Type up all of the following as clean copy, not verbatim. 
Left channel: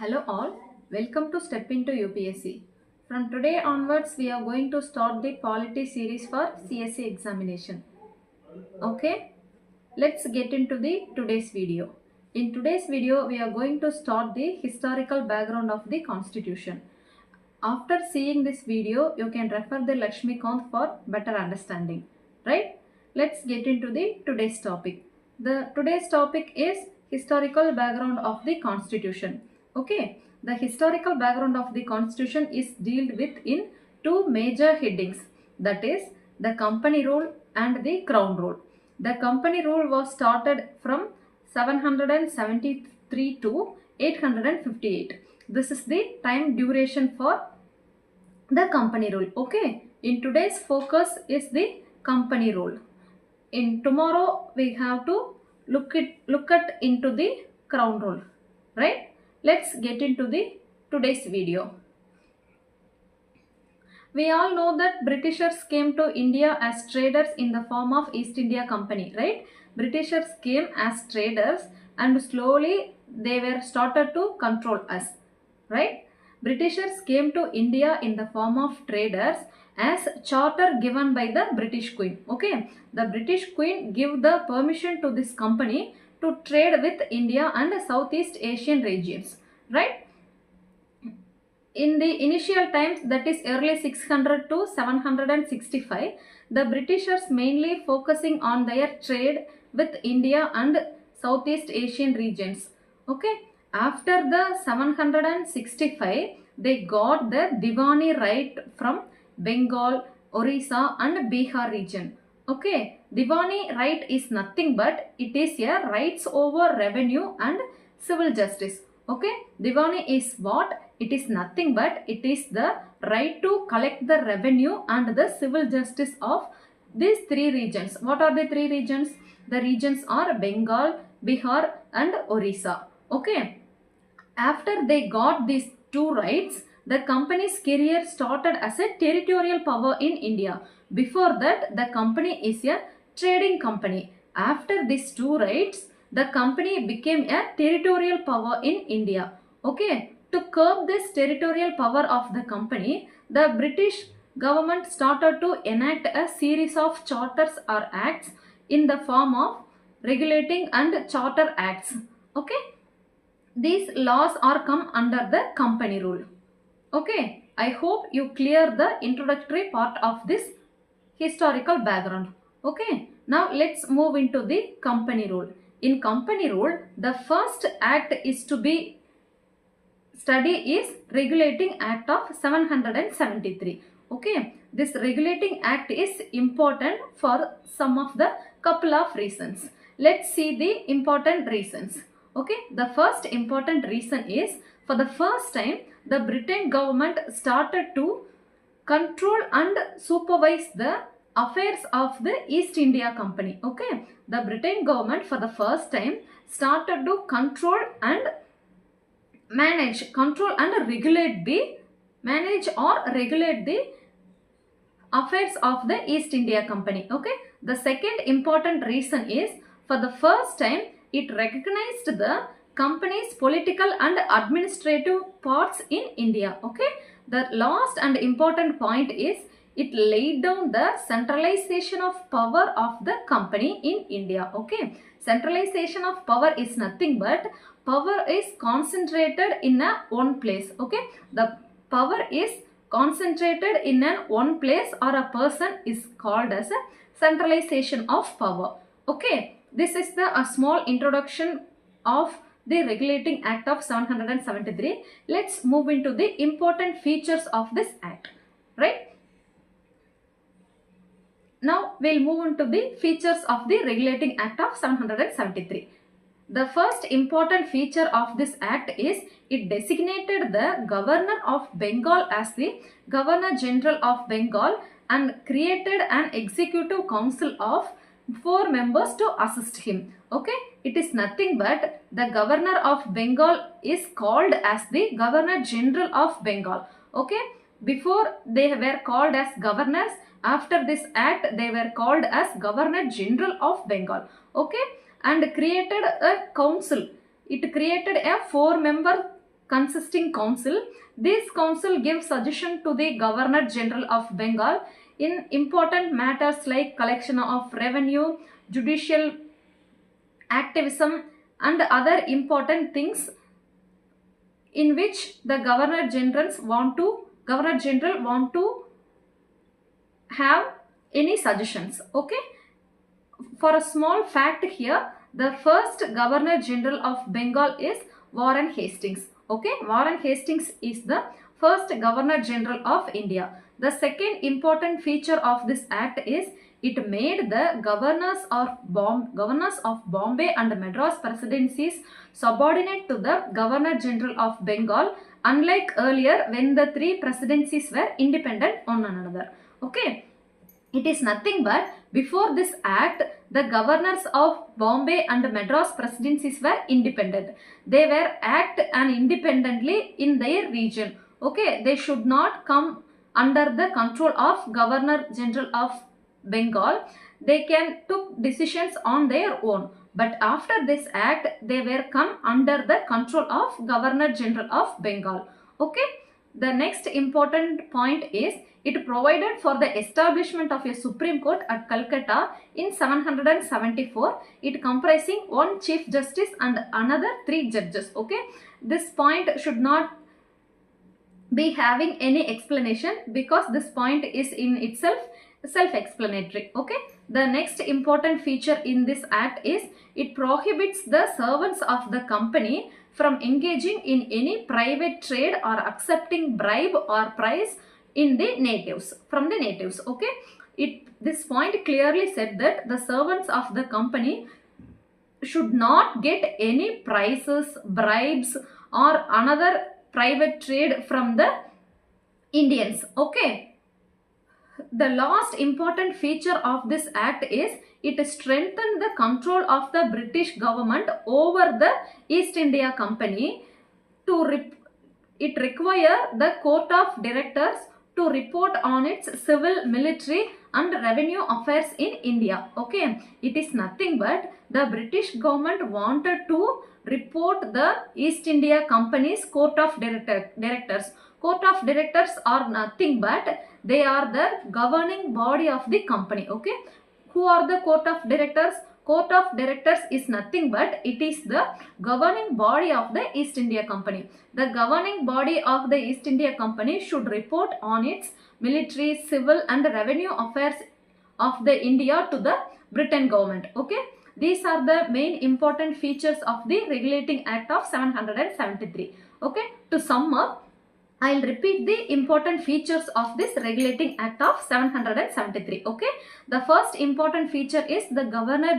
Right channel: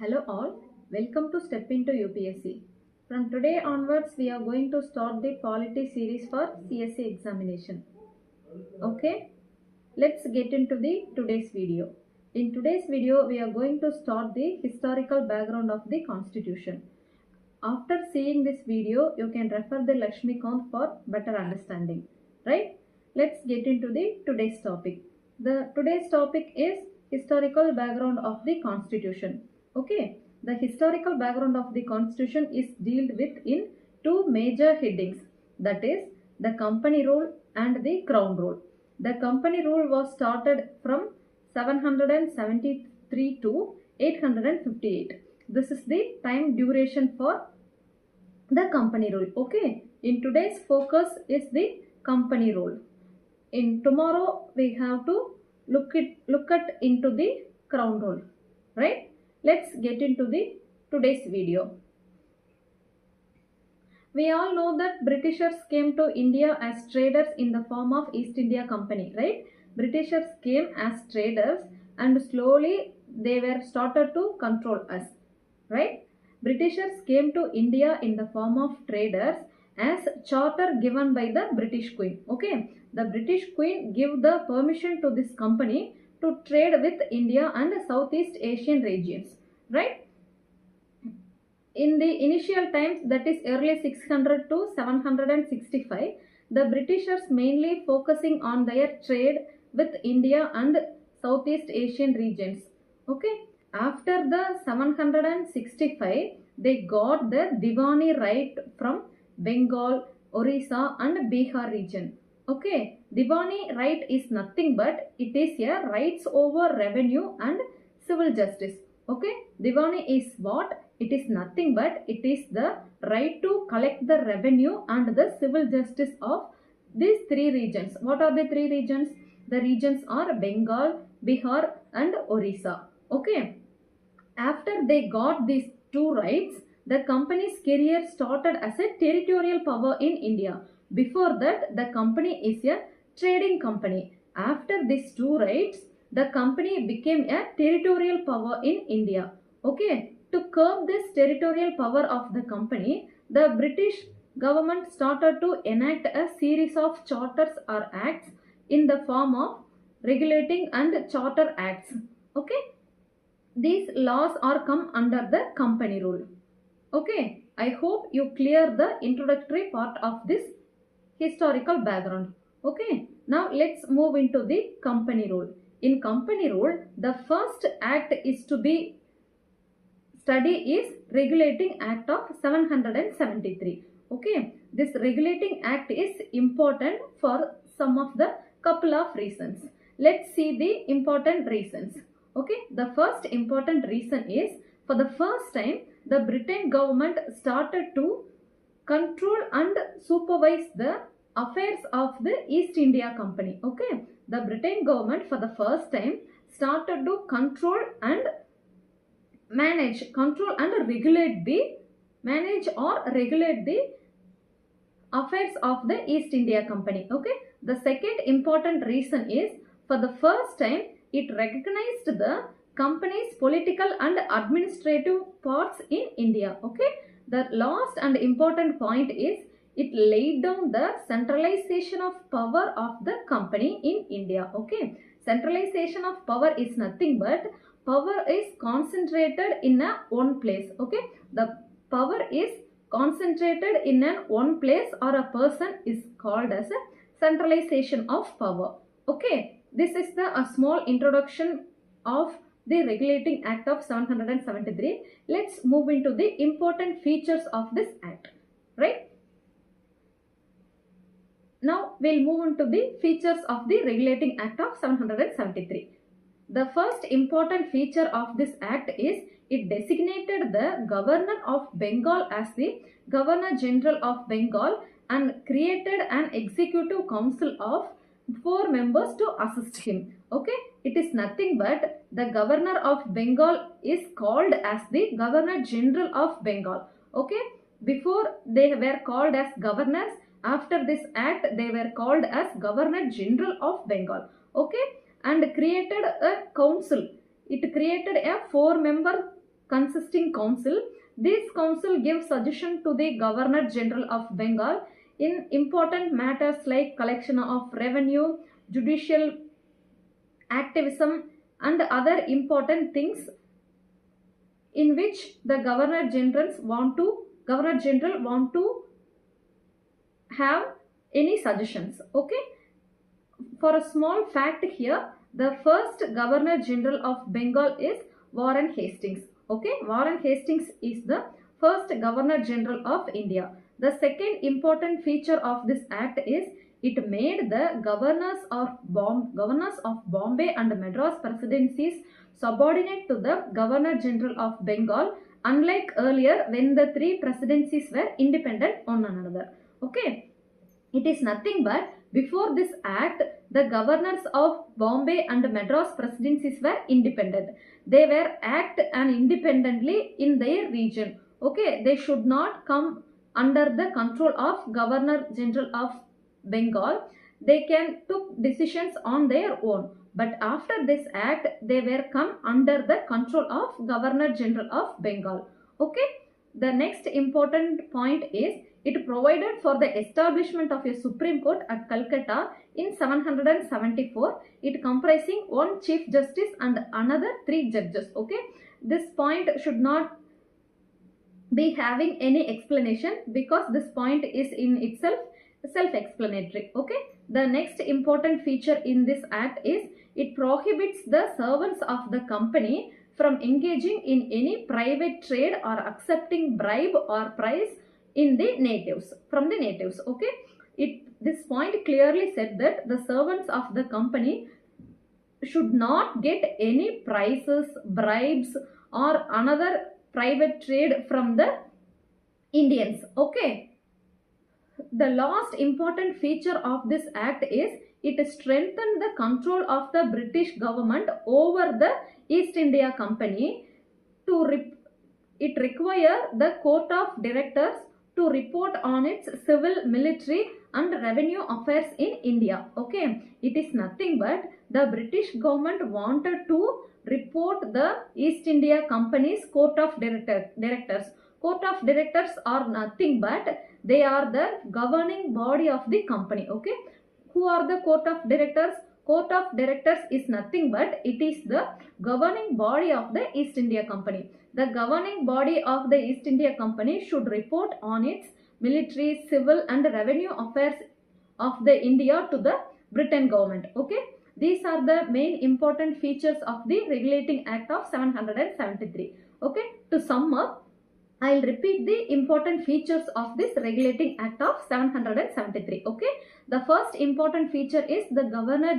Hello all, welcome to Step into UPSC. From today onwards, we are going to start the Polity series for CSE examination. Okay, let's get into the today's video. In today's video, we are going to start the historical background of the Constitution. After seeing this video, you can refer the Lakshmikant for better understanding. Right? Let's get into the today's topic. The today's topic is historical background of the Constitution. Okay, the historical background of the Constitution is dealt with in two major headings, that is the company rule and the crown rule. The company rule was started from 773 to 858. This is the time duration for the company rule. Okay, in today's focus is the company rule. In tomorrow we have to look at into the crown rule, right? Let's get into the today's video. We all know that Britishers came to India as traders in the form of East India Company, right? Britishers came as traders and slowly they were started to control us, right? Britishers came to India in the form of traders as charter given by the British Queen. Okay, the British Queen give the permission to this company to trade with India and Southeast Asian regions, right? In the initial times, that is early 600 to 765, the Britishers mainly focusing on their trade with India and Southeast Asian regions. Okay, after the 765, they got the Diwani right from Bengal, Orissa and Bihar region. Okay, Diwani right is nothing but it is a rights over revenue and civil justice. Okay, Diwani is what? It is nothing but it is the right to collect the revenue and the civil justice of these three regions. What are the three regions? The regions are Bengal, Bihar and Orissa. Okay. After they got these two rights, the company's career started as a territorial power in India. Before that, the company is a trading company. After these two rights, the company became a territorial power in India. Okay, to curb this territorial power of the company, the British government started to enact a series of charters or acts in the form of regulating and charter acts. Okay, these laws are come under the company rule. Okay, I hope you clear the introductory part of this historical background. Okay, now let's move into the company rule. In company rule, the first act is to be study is Regulating Act of 773. Okay, this Regulating Act is important for some of the couple of reasons. Let's see the important reasons. Okay, the first important reason is for the first time the Britain government started to control and supervise the affairs of the East India Company. Okay, the Britain government for the first time started to control and regulate the manage or regulate the affairs of the East India Company. Okay, the second important reason is for the first time it recognized the company's political and administrative parts in India. Okay, the last and important point is it laid down the centralization of power of the company in India. Okay, centralization of power is nothing but power is concentrated in a one place. Okay, the power is concentrated in a one place or a person is called as a centralization of power. Okay, this is the a small introduction of the Regulating Act of 773. Let's move into the important features of this act, right? Now we'll move into the features of the Regulating Act of 773. The first important feature of this act is it designated the Governor of Bengal as the Governor General of Bengal and created an executive council of 4 members to assist him. Okay, it is nothing but the Governor of Bengal is called as the Governor General of Bengal. Okay, before they were called as governors, after this act they were called as Governor General of Bengal. Okay, and created a council. It created a 4-member consisting council. This council gives suggestion to the Governor General of Bengal in important matters like collection of revenue, judicial activism, and other important things in which the Governor General want to have any suggestions. Okay, for a small fact here, the first Governor General of Bengal is Warren Hastings. Okay, Warren Hastings is the first Governor General of India. The second important feature of this act is it made the governors of Bombay and Madras presidencies subordinate to the Governor General of Bengal, unlike earlier when the three presidencies were independent on another. Okay, it is nothing but before this act, the governors of Bombay and Madras presidencies were independent. They were act and independently in their region. Okay, they should not come under the control of Governor General of Bengal. They can took decisions on their own. But after this act, they were come under the control of Governor General of Bengal. Okay, the next important point is it provided for the establishment of a Supreme Court at Calcutta in 774. It comprising one Chief Justice and another 3 judges. Okay, this point should not be having any explanation because this point is in itself self-explanatory. Okay, the next important feature in this act is it prohibits the servants of the company from engaging in any private trade or accepting bribe or price in the natives from the natives. Okay, this point clearly said that the servants of the company should not get any prices, bribes or another private trade from the Indians. Okay, the last important feature of this act is it strengthened the control of the British government over the East India Company. It required the Court of Directors to report on its civil, military and revenue affairs in India. Okay, it is nothing but the British government wanted to report the East India Company's Court of Directors. Court of Directors are nothing but they are the governing body of the company. Okay, who are the Court of Directors? Court of Directors is nothing but it is the governing body of the East India Company. The governing body of the East India Company should report on its military, civil and revenue affairs of the India to the Britain government. Okay, these are the main important features of the Regulating Act of 773. Okay, to sum up, I'll repeat the important features of this Regulating Act of 773. Okay, the first important feature is the Governor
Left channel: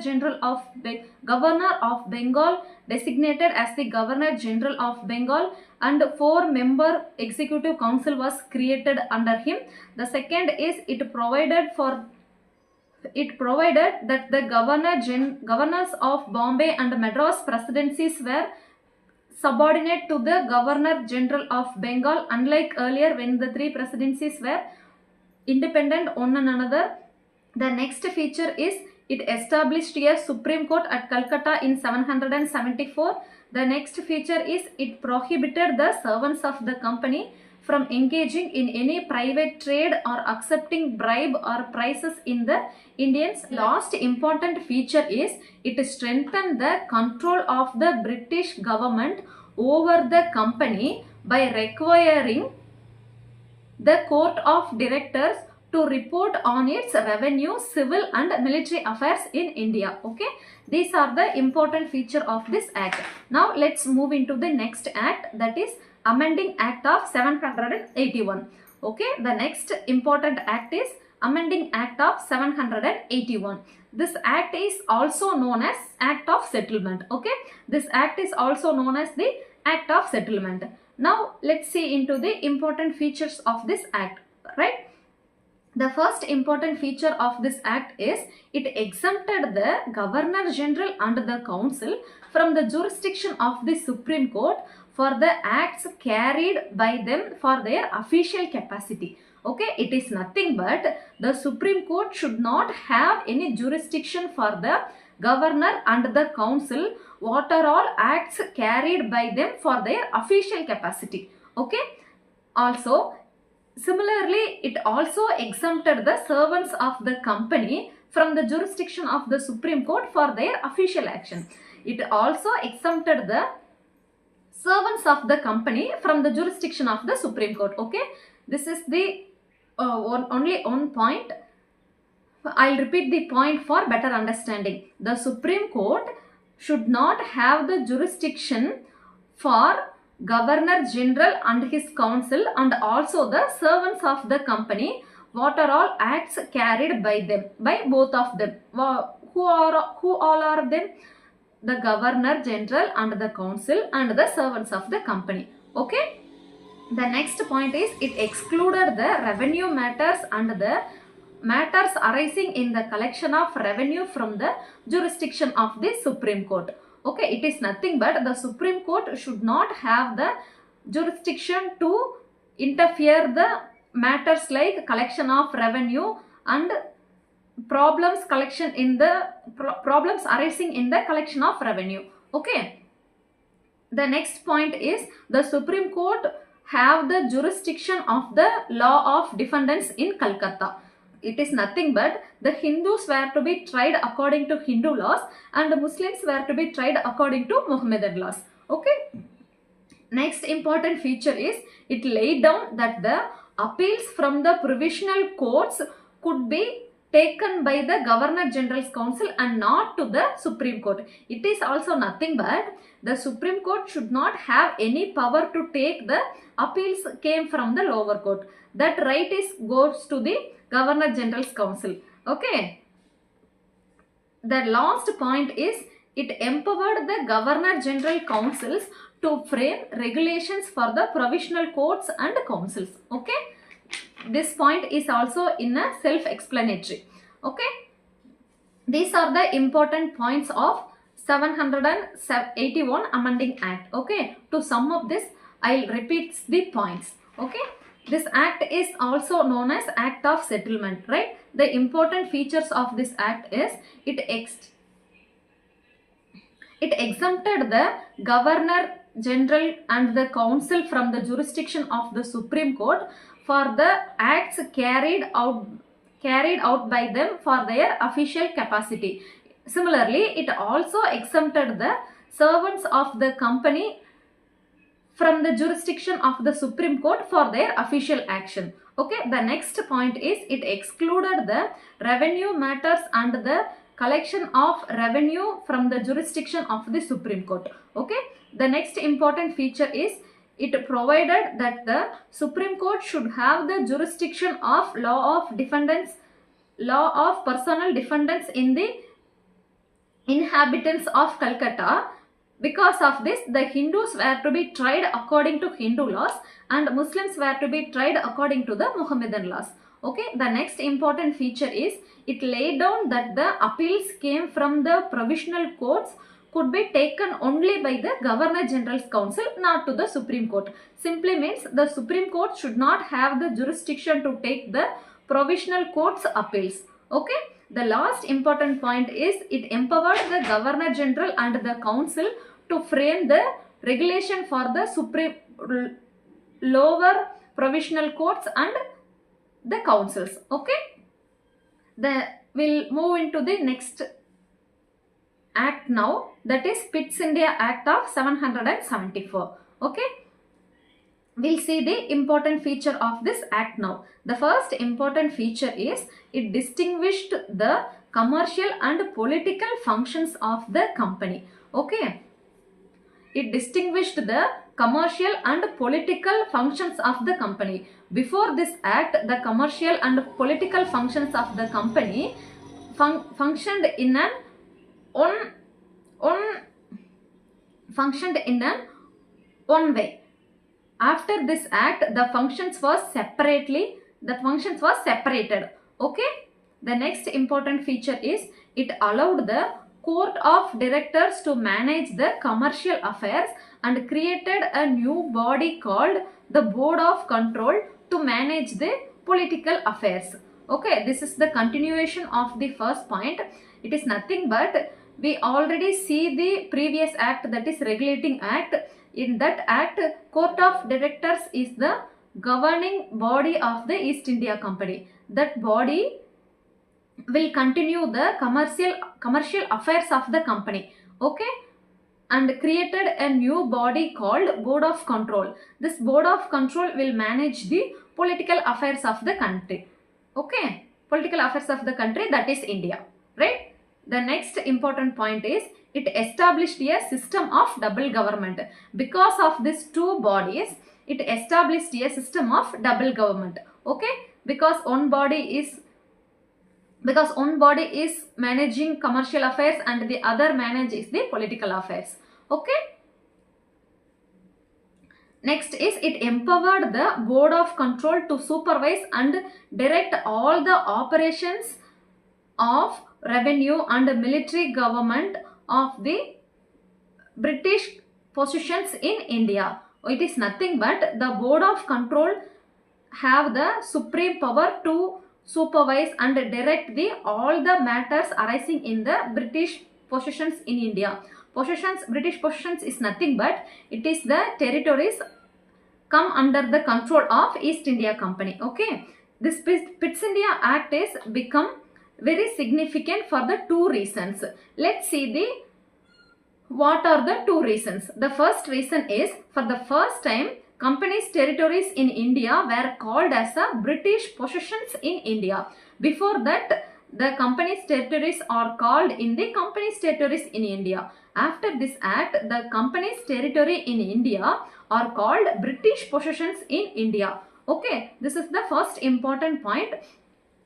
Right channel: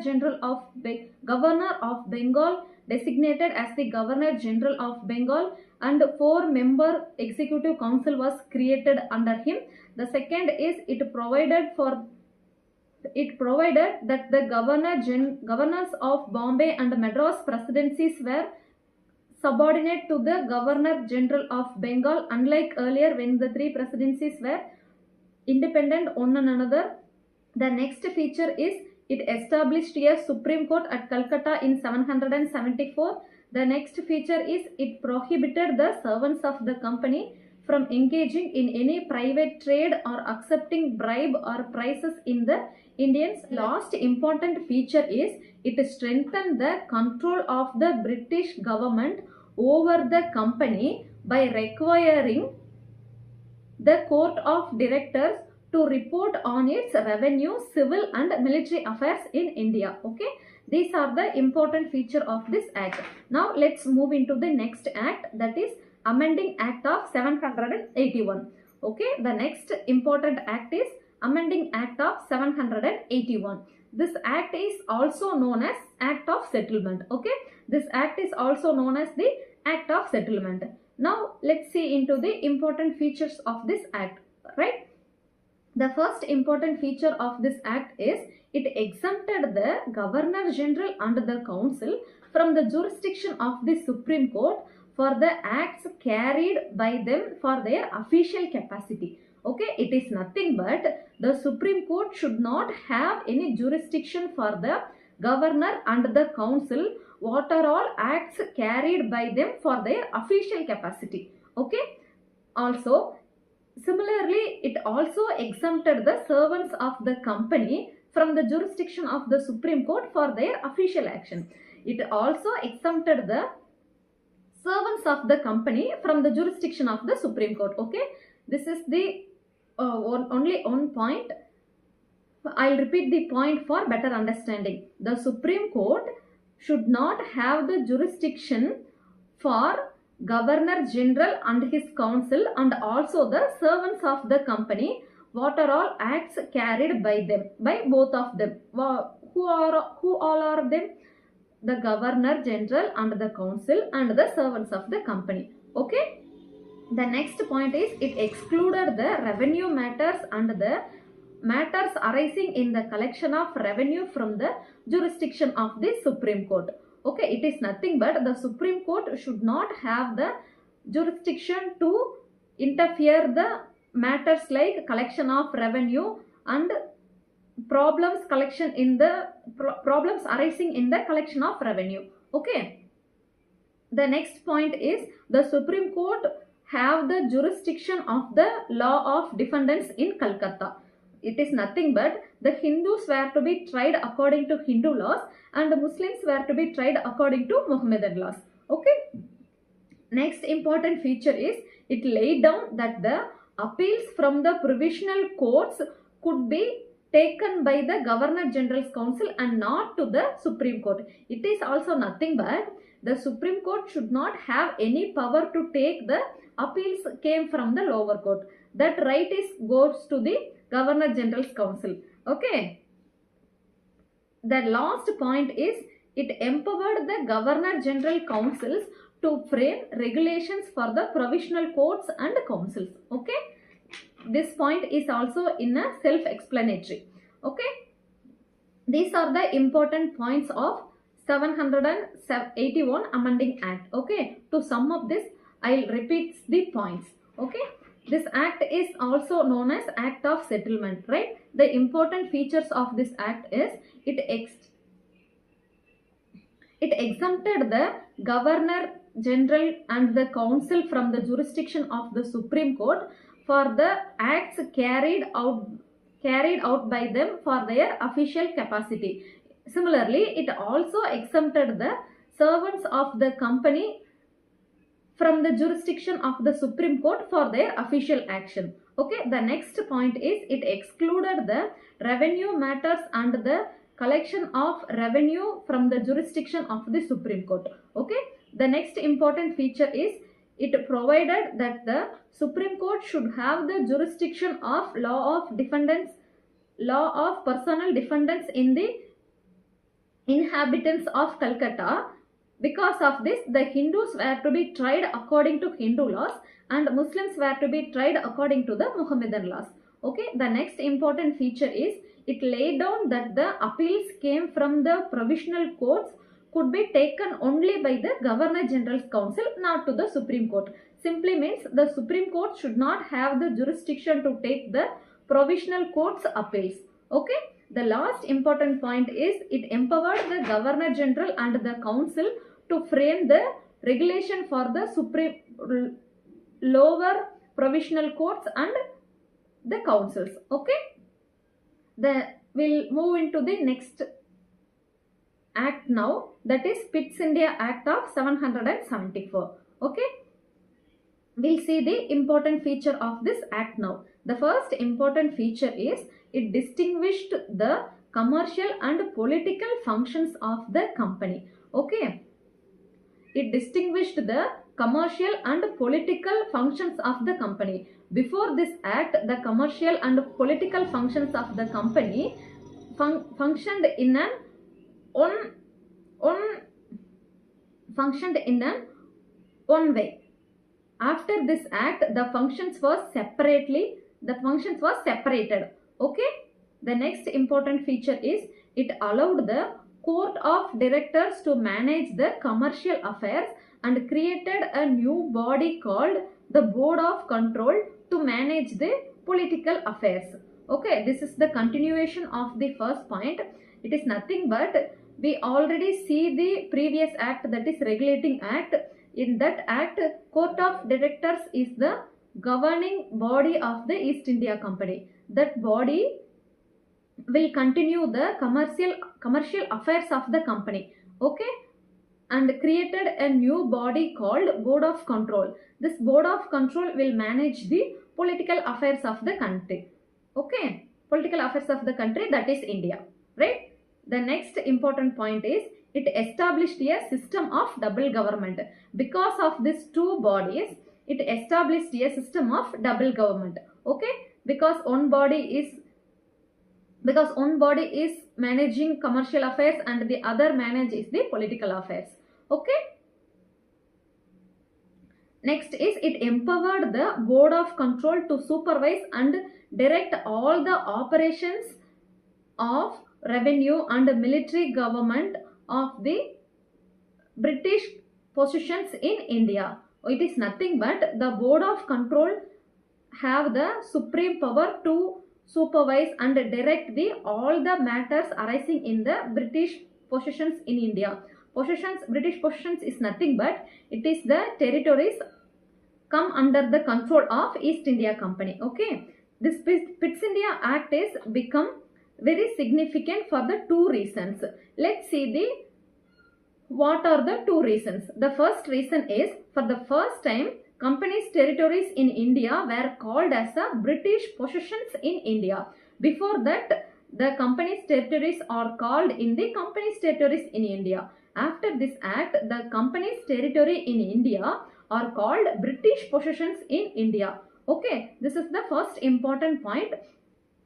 of Bengal designated as the Governor General of Bengal and 4-member Executive Council was created under him. The second is it provided that the governors of Bombay and Madras presidencies were subordinate to the Governor General of Bengal, unlike earlier when the 3 presidencies were independent on another. The next feature is it established a Supreme Court at Calcutta in 774. The next feature is it prohibited the servants of the company from engaging in any private trade or accepting bribe or prices in the Indians. Last important feature is it strengthened the control of the British government over the company by requiring the Court of Directors to report on its revenue, civil and military affairs in India. Okay, these are the important feature of this act. Now let's move into the next act, that is Amending Act of 781. Okay, the next important act is Amending Act of 781. This act is also known as Act of Settlement. Okay, this act is also known as the Act of Settlement. Now let's see into the important features of this act. Right, the first important feature of this act is it exempted the Governor General and the Council from the jurisdiction of the Supreme Court for the acts carried by them for their official capacity. Okay, it is nothing but the Supreme Court should not have any jurisdiction for the Governor and the Council what are all acts carried by them for their official capacity. Okay. Also, similarly, it also exempted the servants of the company from the jurisdiction of the Supreme Court for their official action. It also exempted the servants of the company from the jurisdiction of the Supreme Court. Okay, this is the only one point. I'll repeat the point for better understanding. The Supreme Court should not have the jurisdiction for Governor General and his council and also the servants of the company, what are all acts carried by them, by both of them. Who all are them? The Governor General and the council and the servants of the company. Okay. The next point is it excluded the revenue matters and the matters arising in the collection of revenue from the jurisdiction of the Supreme Court. Okay, it is nothing but the Supreme Court should not have the jurisdiction to interfere the matters like collection of revenue and problems arising in the collection of revenue. Okay. The next point is the Supreme Court have the jurisdiction of the law of defendants in Calcutta. It is nothing but the Hindus were to be tried according to Hindu laws and the Muslims were to be tried according to Mohammedan laws. Okay. Next important feature is it laid down that the appeals from the provisional courts could be taken by the Governor General's Council and not to the Supreme Court. It is also nothing but the Supreme Court should not have any power to take the appeals came from the lower court. That right goes to the Governor General's Council. Okay. The last point is it empowered the Governor General Councils to frame regulations for the provisional courts and councils. Okay. This point is also in a self-explanatory. Okay. These are the important points of 781 Amending Act. Okay. To sum up this, I'll repeat the points. Okay. This act is also known as Act of Settlement, right? The important features of this act is it exempted the Governor General and the Council from the jurisdiction of the Supreme Court for the acts carried out by them for their official capacity. Similarly, it also exempted the servants of the company from the jurisdiction of the Supreme Court for their official action. Okay, the next point is it excluded the revenue matters and the collection of revenue from the jurisdiction of the Supreme Court. Okay, the next important feature is it provided that the Supreme Court should have the jurisdiction of law of personal defendants in the inhabitants of Calcutta. Because of this, the Hindus were to be tried according to Hindu laws and Muslims were to be tried according to the Mohammedan laws. Okay, the next important feature is it laid down that the appeals came from the provisional courts could be taken only by the Governor General's Council, not to the Supreme Court. Simply means the Supreme Court should not have the jurisdiction to take the provisional courts appeals. Okay, the last important point is it empowered the Governor General and the Council to frame the regulation for the lower provisional courts and the councils. Okay, we'll move into the next act now, that is Pitt's India Act of 774. Okay, we'll see the important feature of this act now. The first important feature is it distinguished the commercial and political functions of the company. Okay, it distinguished the commercial and political functions of the company. Before this act, the commercial and political functions of the company functioned in an one way. After this act, the functions was separated. Okay. The next important feature is it allowed the court of directors to manage the commercial affairs and created a new body called the Board of Control to manage the political affairs. Okay, this is the continuation of the first point. It is nothing but We already see the previous act, that is regulating act. In that act, court of directors is the governing body of the East India Company. That body will continue the commercial affairs of the company. Okay, and created a new body called Board of Control. This Board of Control will manage the political affairs of the country. Okay, political affairs of the country, that is India, right? The next important point is it established a system of double government. Because of these two bodies, it established a system of double government. Okay, because one body is managing commercial affairs and the other manages the political affairs. Okay, next is it empowered the Board of Control to supervise and direct all the operations of revenue and military government of the British possessions in India. It is nothing but the Board of Control have the supreme power to supervise and direct the all the matters arising in the British possessions in India. British possessions is nothing but it is the territories come under the control of East India Company. Okay, this Pitt India Act is become very significant for the two reasons. Let's see the what are the two reasons. The first reason is, for the first time, company's territories in India were called as a British possessions in India. Before that, the company's territories are called in the company's territories in India. After this act, the company's territory in India are called British possessions in India. Okay, this is the first important point.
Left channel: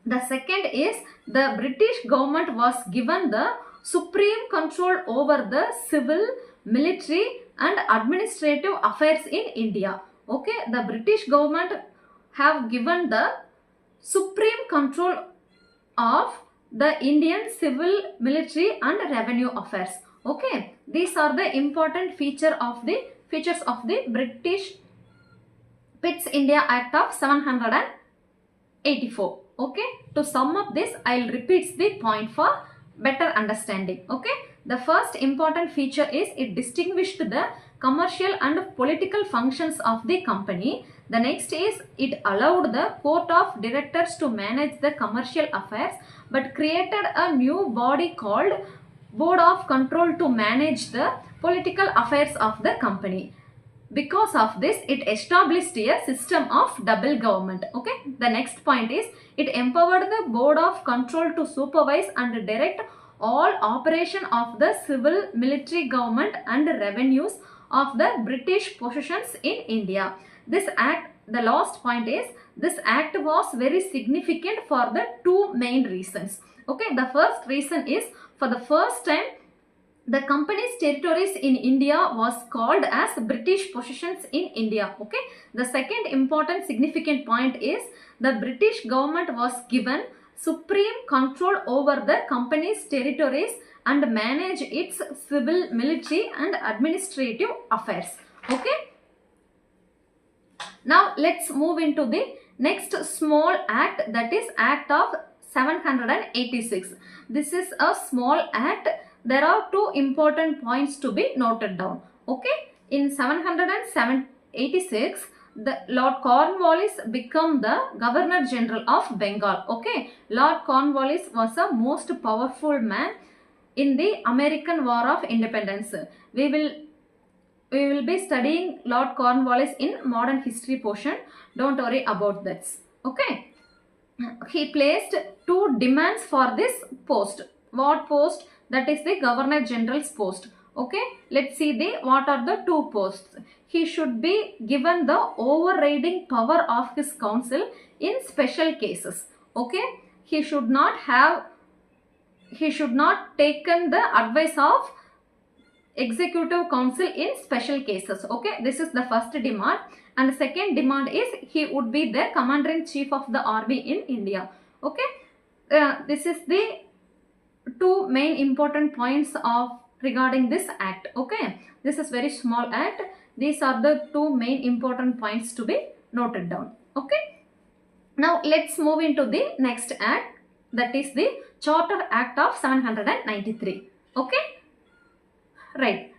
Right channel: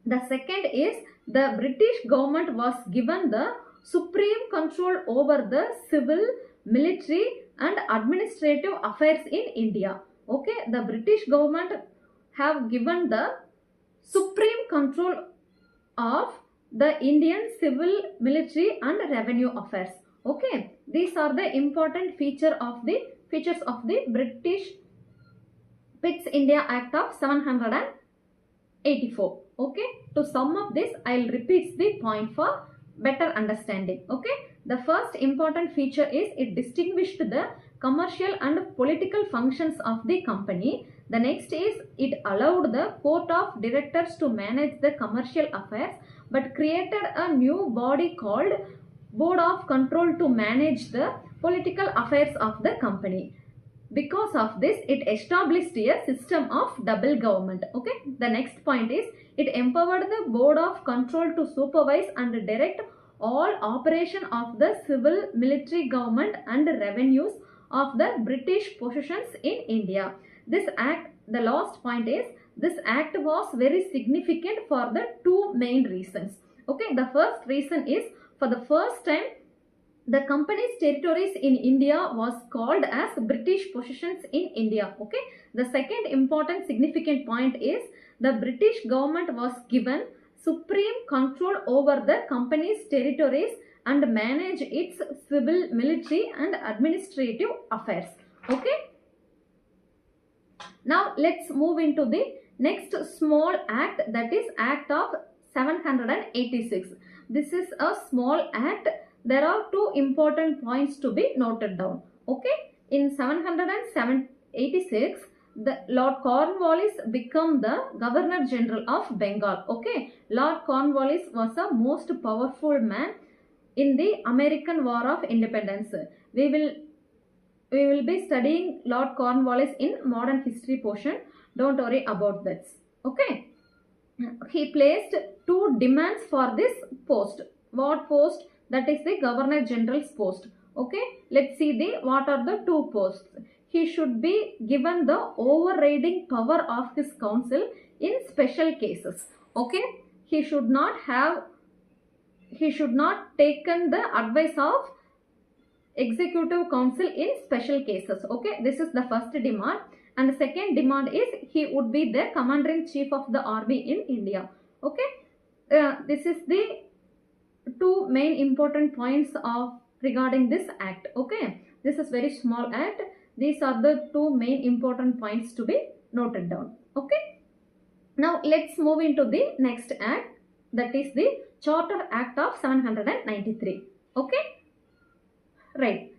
The second is the British government was given the supreme control over the civil, military and administrative affairs in India. Okay, the British government have given the supreme control of the Indian civil, military and revenue affairs. Okay, these are the important features of the British Pitt India Act of 784. Okay, to sum up this, I'll repeat the point for better understanding. Okay, the first important feature is it distinguished the commercial and political functions of the company. The next is it allowed the court of directors to manage the commercial affairs but created a new body called Board of Control to manage the political affairs of the company. Because of this, it established a system of double government. Okay, the next point is it empowered the Board of Control to supervise and direct all operation of the civil, military government and revenues of the British possessions in India. This act, the last point is, this act was very significant for the two main reasons. Okay, the first reason is, for the first time, the company's territories in India was called as British possessions in India. Okay, the second important significant point is the British government was given supreme control over the company's territories and manage its civil, military and administrative affairs. Okay, now let's move into the next small act, that is Act of 786. This is a small act. There are two important points to be noted down. Okay, in 786, the Lord Cornwallis became the Governor General of Bengal. Okay, Lord Cornwallis was a most powerful man in the American War of Independence. We will be studying Lord Cornwallis in modern history portion. Don't worry about that. Okay, he placed two demands for this post. What post? That is the Governor General's post. Okay, let's see what are the two posts. He should be given the overriding power of his council in special cases. Okay, he should not taken the advice of executive council in special cases. Okay, this is the first demand. And the second demand is he would be the commander-in-chief of the army in India. Okay, this is the two main important points of regarding this act. Okay, this is very small act. These are the two main important points to be noted down. Okay, now let's move into the next act, that is the Charter Act of 793. Okay, right.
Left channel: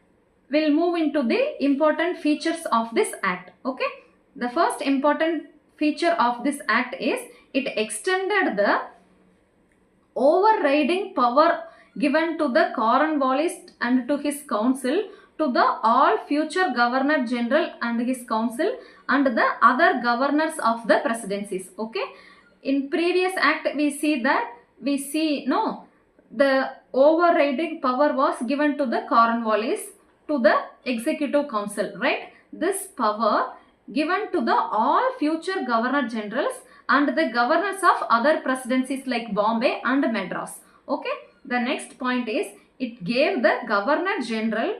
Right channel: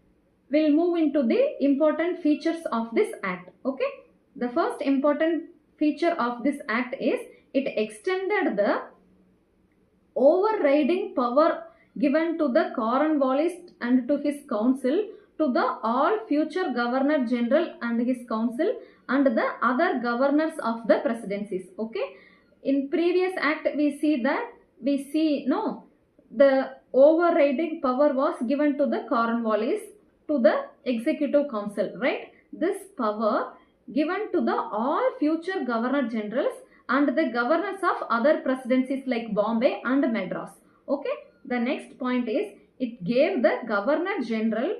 We'll move into the important features of this act. Okay, the first important feature of this act is it extended the overriding power given to the Cornwallis and to his council to the all future governor general and his council and the other governors of the presidencies. Okay, in previous act we see no, the overriding power was given to the Cornwallis to the executive council, right? This power given to the all future governor generals and the governors of other presidencies like Bombay and Madras. Okay, the next point is it gave the governor general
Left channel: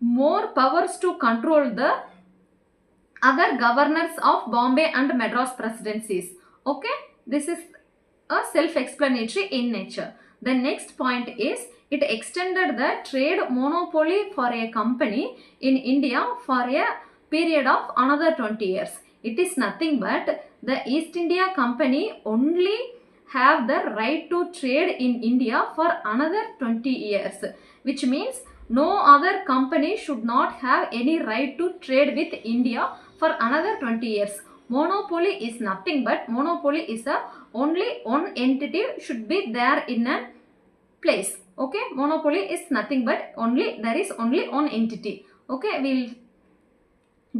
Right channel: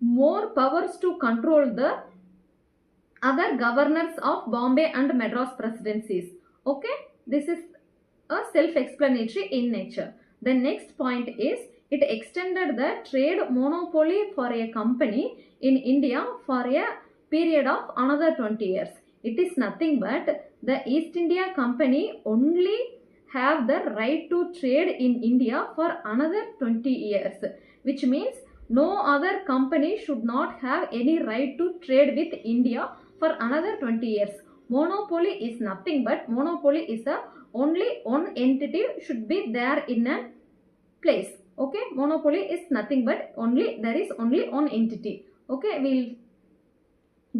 more powers to control the other governors of Bombay and Madras presidencies. Okay, this is a self-explanatory in nature. The next point is it extended the trade monopoly for a company in India for a period of another 20 years. It is nothing but the East India Company only have the right to trade in India for another 20 years, which means no other company should not have any right to trade with India for another 20 years. Monopoly is nothing but monopoly is a only one entity should be there in a place. Okay, monopoly is nothing but only there is only one entity. Okay, we'll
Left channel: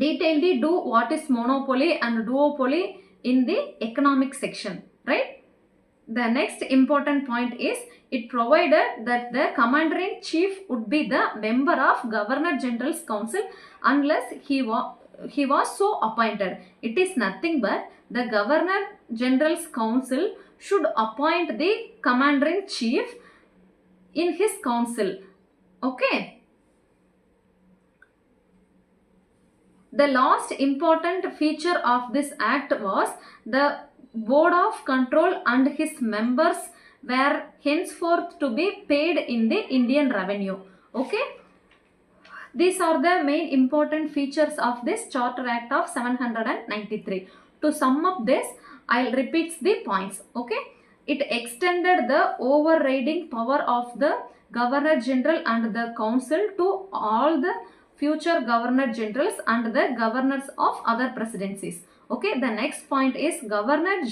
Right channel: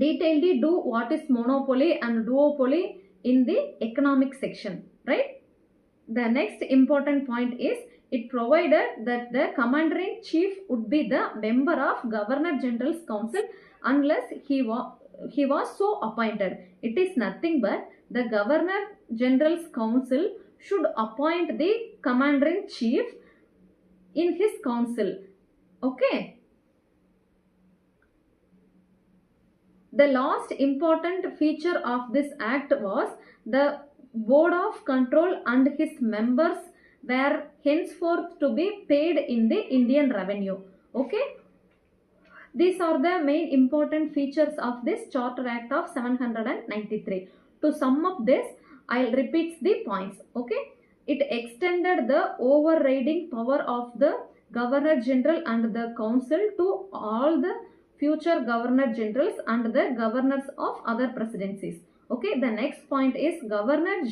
detailedly do what is monopoly and duopoly in the economic section, right? The next important point is it provided that the commander-in-chief would be the member of Governor General's Council unless he was so appointed. It is nothing but the Governor General's Council should appoint the commander-in-chief in his council. Okay. The last important feature of this act was the board of control and his members were henceforth to be paid in the Indian revenue. Okay. These are the main important features of this Charter Act of 793. To sum up this, I'll repeat the points. Okay. It extended the overriding power of the Governor General and the Council to all the future Governor Generals and the governors of other presidencies. Okay, the next point is the Governor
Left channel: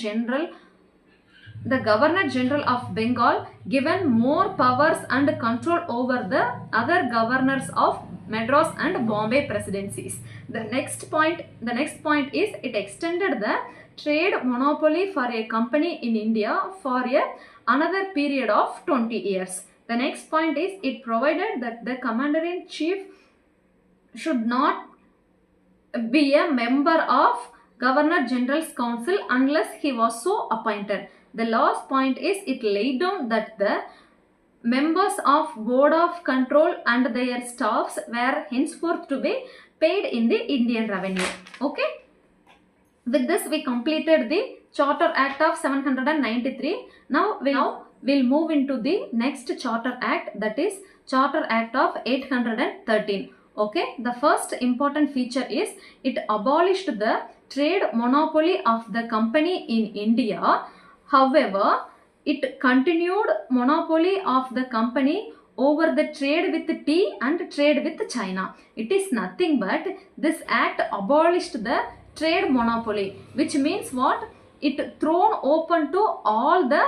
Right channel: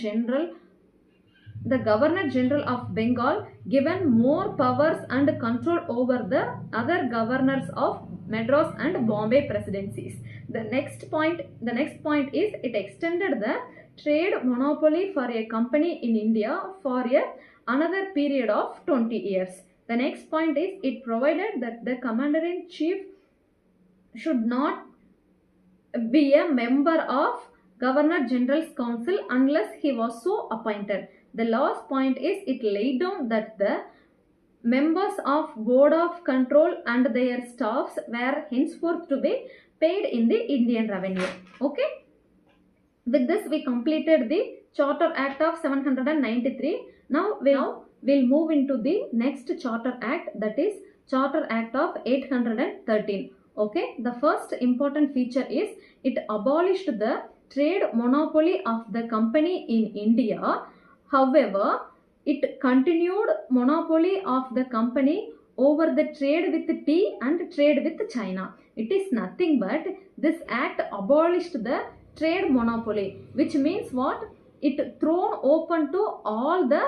General of Bengal given more powers and control over the other governors of Madras and Bombay presidencies. The next point is it extended the trade monopoly for a company in India for another period of 20 years. The next point is it provided that the commander-in-chief should not be a member of Governor General's Council unless he was so appointed. The last point is it laid down that the members of Board of Control and their staffs were henceforth to be paid in the Indian revenue. Okay. With this we completed the Charter Act of 793. Now we'll move into the next Charter Act, that is Charter Act of 813. Okay, the first important feature is it abolished the trade monopoly of the company in India. However, it continued monopoly of the company over the trade with tea and trade with China. It is nothing but this act abolished the trade monopoly, which means what? It thrown open to all the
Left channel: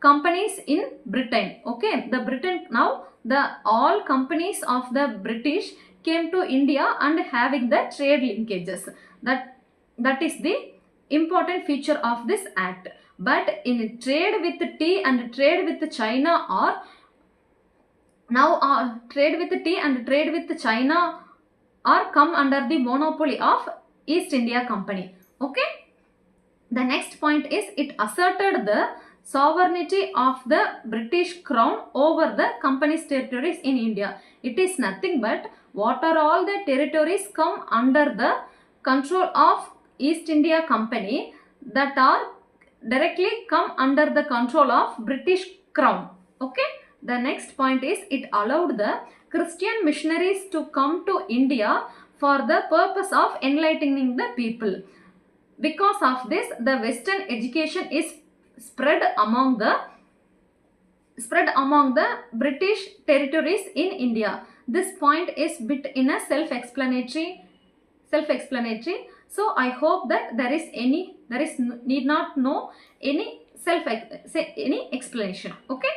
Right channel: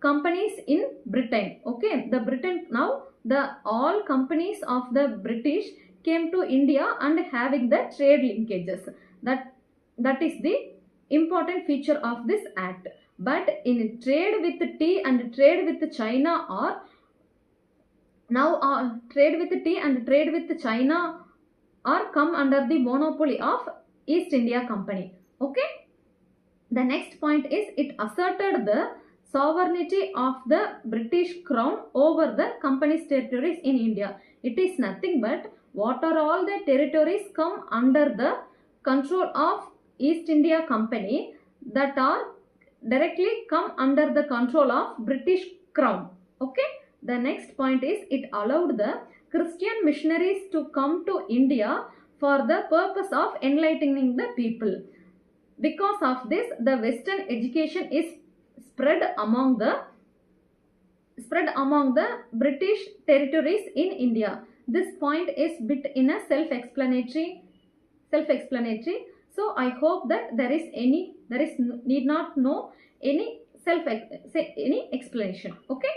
companies in Britain. Okay, the Britain now the all companies of the British came to India and having the trade linkages. That is the important feature of this act. But in trade with tea and trade with China are now trade with tea and trade with China are come under the monopoly of East India Company. Okay. The next point is it asserted the sovereignty of the British Crown over the company's territories in India. It is nothing but what are all the territories come under the control of East India Company that are directly come under the control of British Crown. Okay. The next point is it allowed the Christian missionaries to come to India for the purpose of enlightening the people. Because of this, the Western education is spread among the spread among the British territories in India. This point is bit in a self-explanatory. So I hope that there is need not know any any explanation. Okay.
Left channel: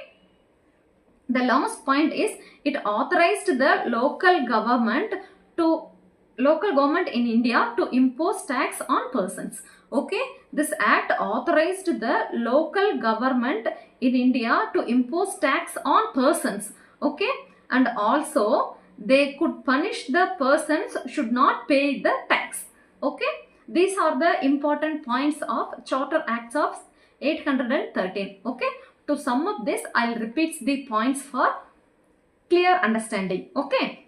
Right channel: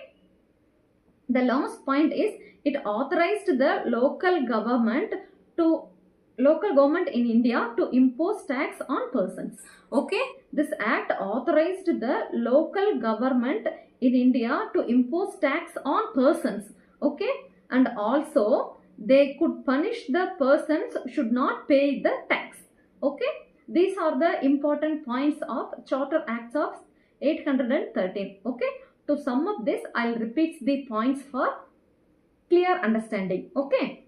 The last point is it authorized the to local government in India to impose tax on persons. Okay, this act authorized the local government in India to impose tax on persons. Okay, and also they could punish the persons should not pay the tax. Okay, these are the important points of Charter Acts of 813. Okay, to sum up this, I'll repeat the points for clear understanding. Okay.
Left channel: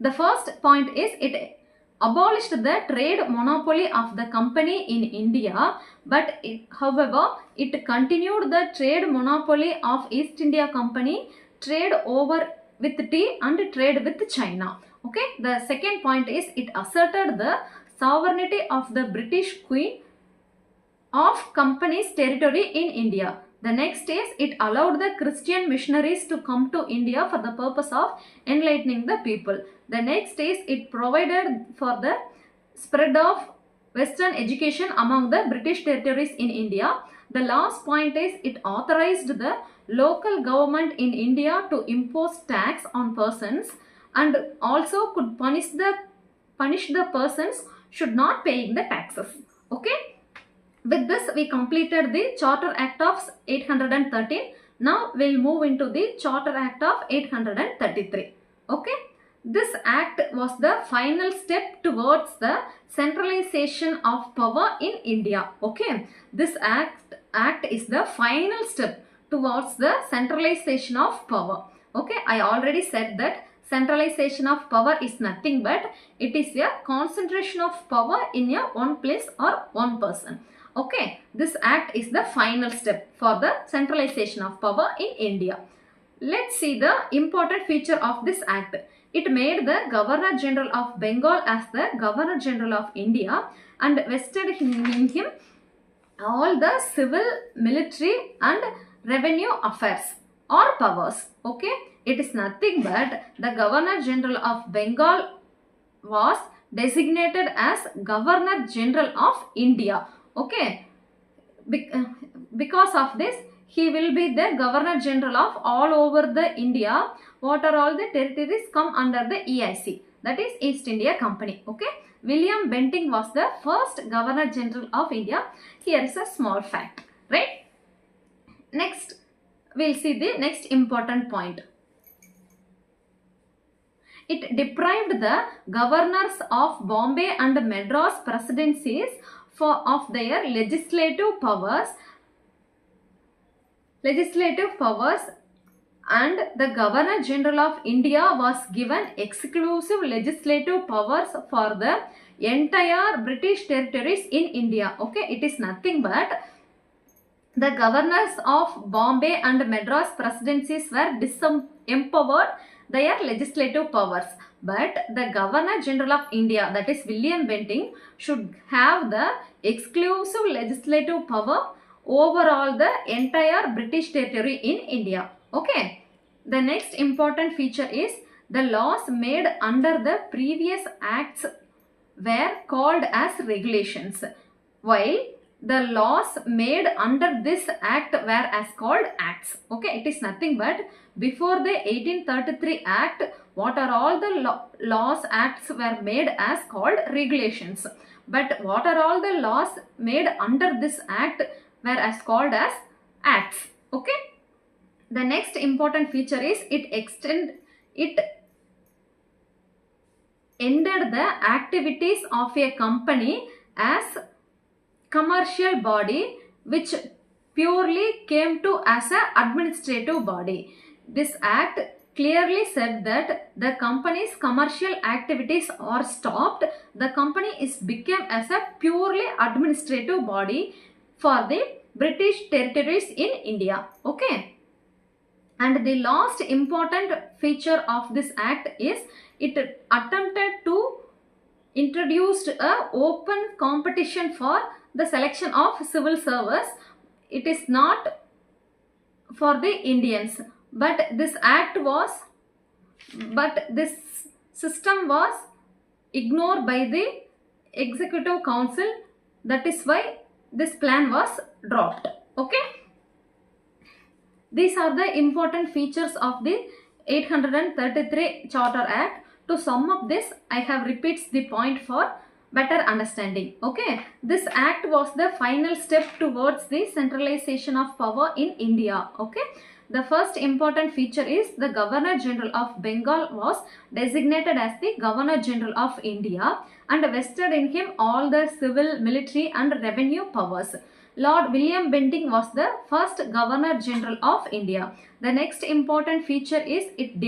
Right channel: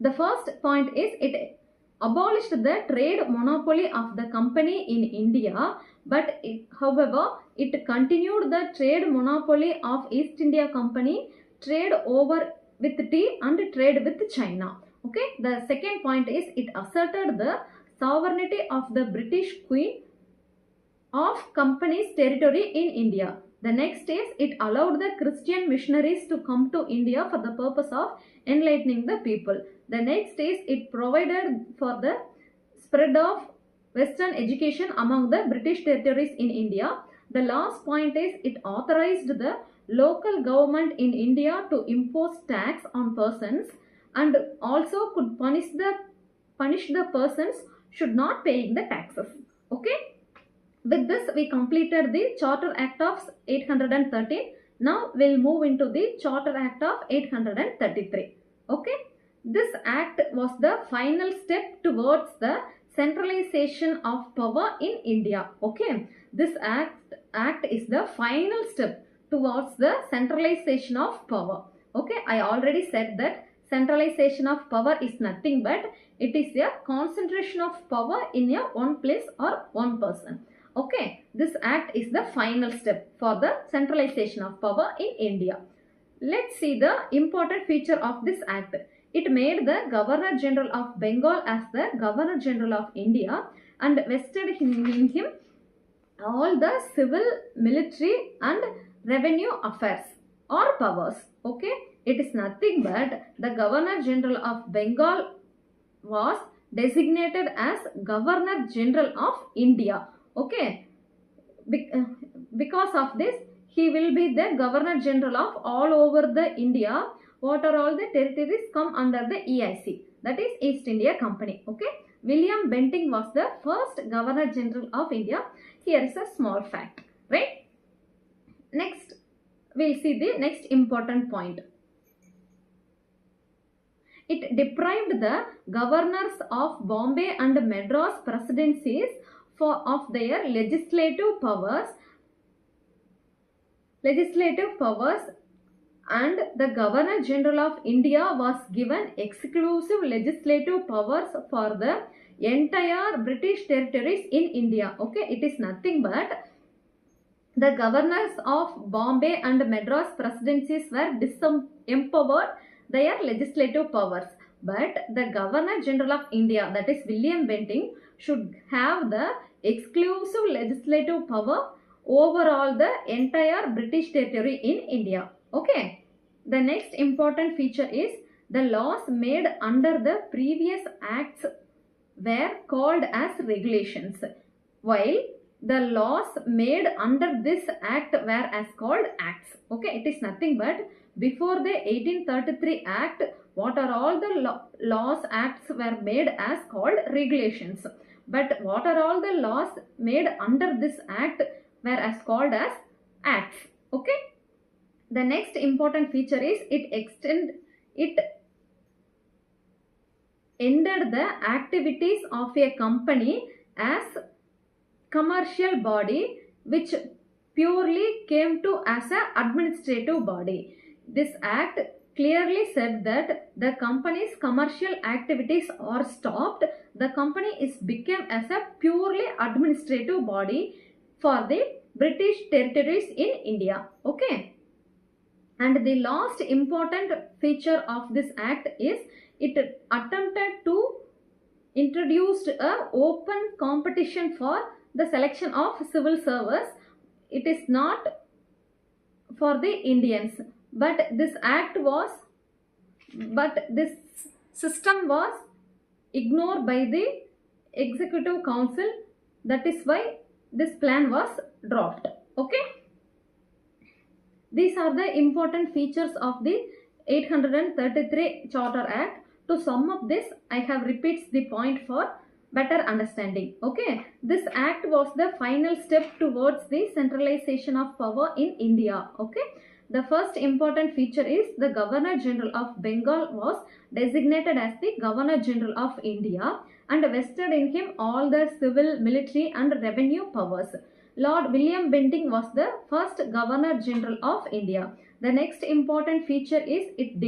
The first point is it abolished the trade monopoly of the company in India, but however, it continued the trade monopoly of East India Company, trade over with tea and trade with China. Okay. The second point is it asserted the sovereignty of the British Queen of company's territory in India. The next is it allowed the Christian missionaries to come to India for the purpose of enlightening the people. The next is it provided for the spread of Western education among the British territories in India. The last point is it authorized the local government in India to impose tax on persons and also could punish the persons should not paying the taxes. Okay. With this, we completed the Charter Act of 813. Now we'll move into the Charter Act of 833. Okay. This act was the final step towards the centralization of power in India. Okay. This act is the final step towards the centralization of power. Okay. I already said that centralization of power is nothing but it is a concentration of power in a one place or one person. Okay, this act is the final step for the centralization of power in India. Let's see the important feature of this act. It made the Governor General of Bengal as the Governor General of India and vested in him all the civil, military and revenue affairs or powers. Okay, it is nothing but the Governor General of Bengal was designated as Governor General of India. Okay, because of this he will be the Governor General of all over the India. What are all the territories come under the EIC, that is East India Company. Okay, William Bentinck was the first Governor General of India. Here is a small fact, right? Next we'll see the next important point. It deprived the governors of Bombay and Madras presidencies of their legislative powers and the Governor General of India was given exclusive legislative powers for the entire British territories in India. Okay, it is nothing but the governors of Bombay and Madras presidencies were disempowered their legislative powers, but the Governor General of India, that is William Bentinck, should have the exclusive legislative power over all the entire British territory in India. Okay. The next important feature is the laws made under the previous acts were called as regulations, while the laws made under this act were as called acts. Okay, it is nothing but before the 1833 act, what are all the laws acts were made as called regulations, but what are all the laws made under this act were as called as acts. Okay. The next important feature is it ended the activities of a company as commercial body which purely came to as an administrative body. This act clearly said that the company's commercial activities are stopped. The company is became as a purely administrative body for the British territories in India. Okay. And the last important feature of this act is it attempted to introduce a open competition for the selection of civil service. It is not for the Indians. But this system was ignored by the executive council. That is why this plan was dropped. Okay. These are the important features of the 833 Charter Act. To sum up this, I have repeats the point for better understanding. Okay, this act was the final step towards the centralization of power in India. Okay, the first important feature is the Governor General of Bengal was designated as the Governor General of India and vested in him all the civil, military and revenue powers. Lord William Bentinck was the first Governor General of India. The next important feature is it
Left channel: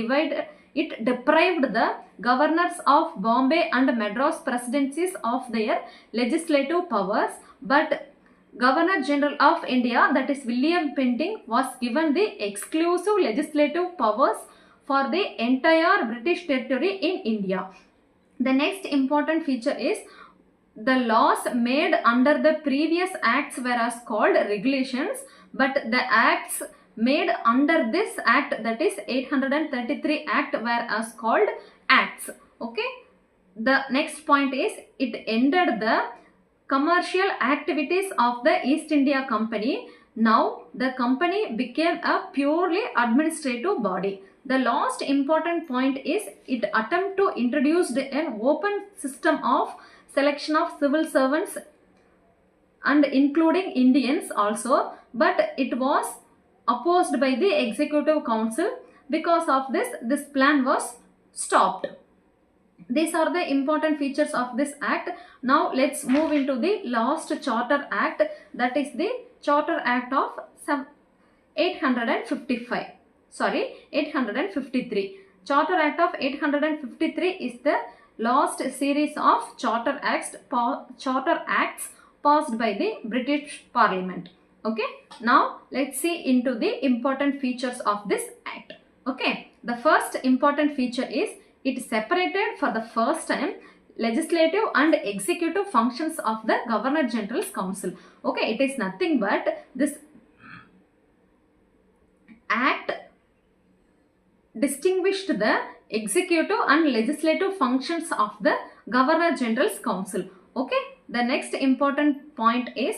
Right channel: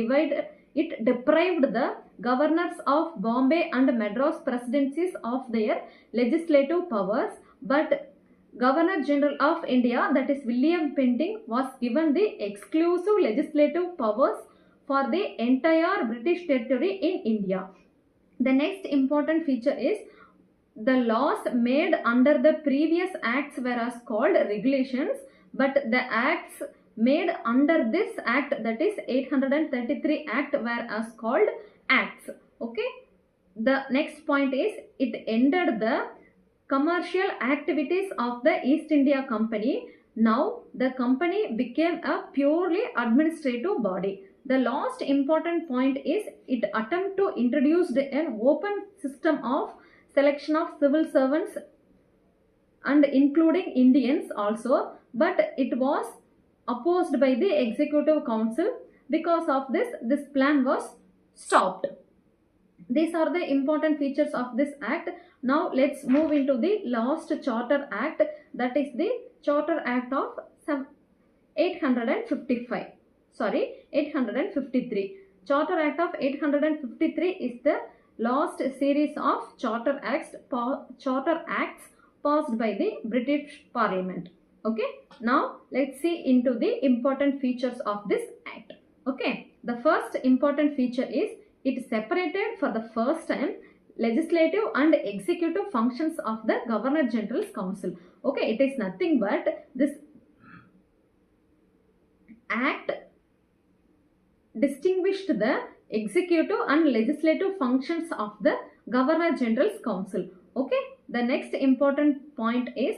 deprived the governors of Bombay and Madras presidencies of their legislative powers, but Governor General of India, that is William Bentinck, was given the exclusive legislative powers for the entire British territory in India. The next important feature is the laws made under the previous acts were as called regulations, but the acts made under this act, that is 833 act, were as called acts. Okay. The next point is it ended the commercial activities of the East India Company. Now the company became a purely administrative body. The last important point is it attempted to introduce an open system of selection of civil servants and including Indians also, but it was opposed by the executive council. Because of this plan was stopped. These are the important features of this act. Now let's move into the last Charter Act, that is the Charter Act of 855. 853. Charter Act of 853 is the last series of charter acts passed by the British Parliament. Okay. Now let's see into the important features of this act. Okay. The first important feature is it separated for the first time legislative and executive functions of the Governor General's Council. Okay. It is nothing but this act distinguished the executive and legislative functions of the Governor General's Council. Okay. The next important point is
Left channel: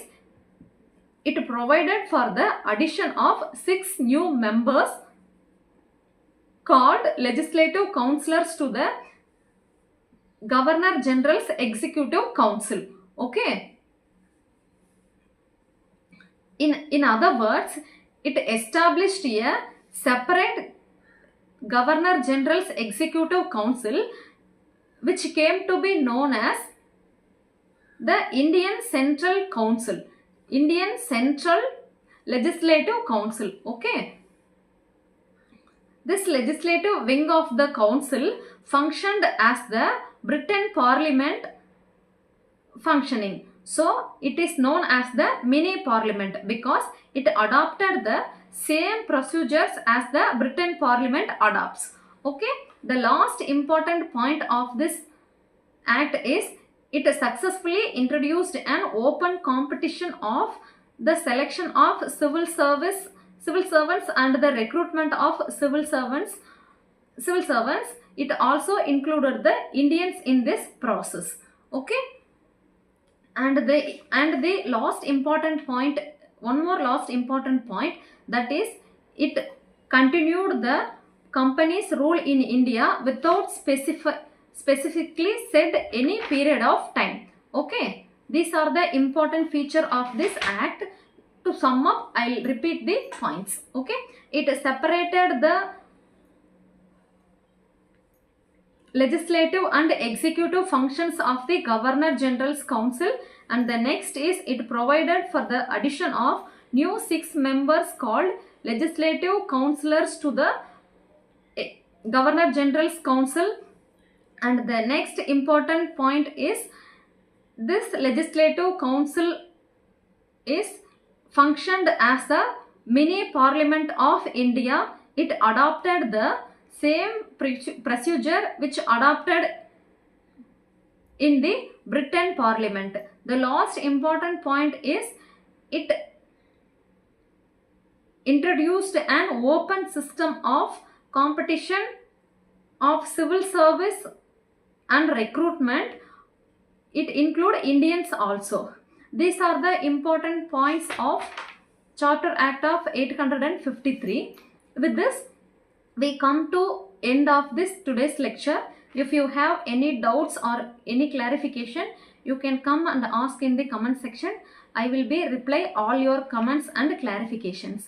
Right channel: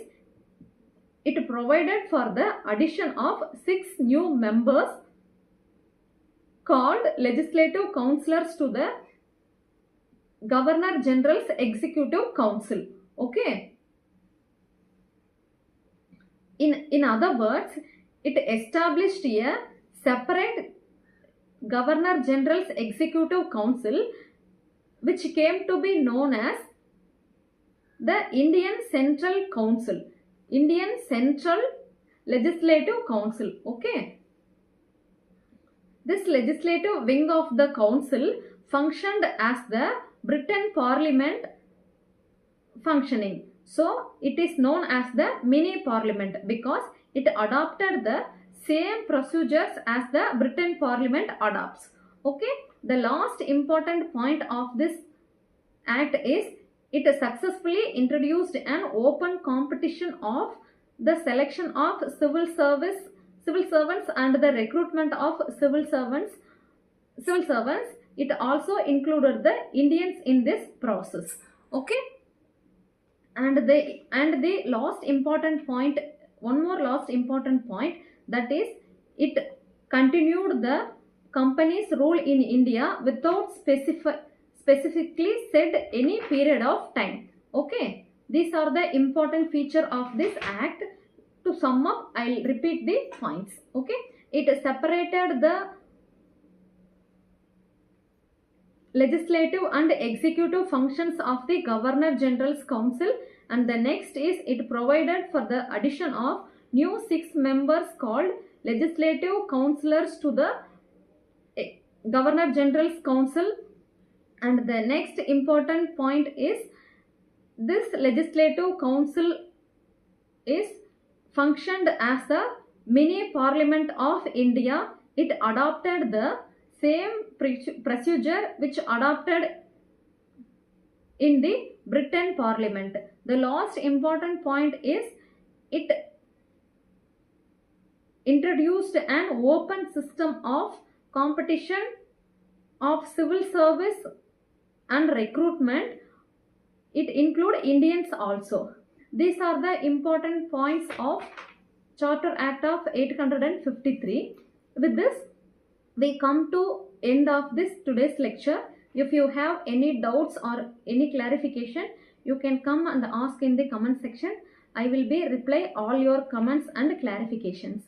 it provided for the addition of 6 new members called legislative councillors to the Governor General's Executive Council. Okay. In other words, it established a separate Governor General's Executive Council, which came to be known as the Indian Central Council, Indian Central Legislative Council. Okay. This legislative wing of the council functioned as the Britain Parliament functioning. So it is known as the mini parliament because it adopted the same procedures as the Britain Parliament adopts. Okay. The last important point of this act is it successfully introduced an open competition of the selection of civil servants and the recruitment of civil servants. It also included the Indians in this process. Okay. And the last important point, one more last important point, that is it continued the company's rule in India without specifically said any period of time. Okay. These are the important feature of this act. To sum up, I'll repeat the points. Okay. It separated the legislative and executive functions of the Governor General's Council, and the next is it provided for the addition of new 6 members called legislative councillors to the Governor General's Council. And the next important point is this legislative council is functioned as a mini parliament of India. It adopted the same procedure which adopted in the Britain Parliament. The last important point is it introduced an open system of competition of civil service and recruitment. It include Indians also. These are the important points of Charter Act of 853. With this, we come to end of this today's lecture. If you have any doubts or any clarification, you can come and ask in the comment section. I will be reply all your comments and clarifications.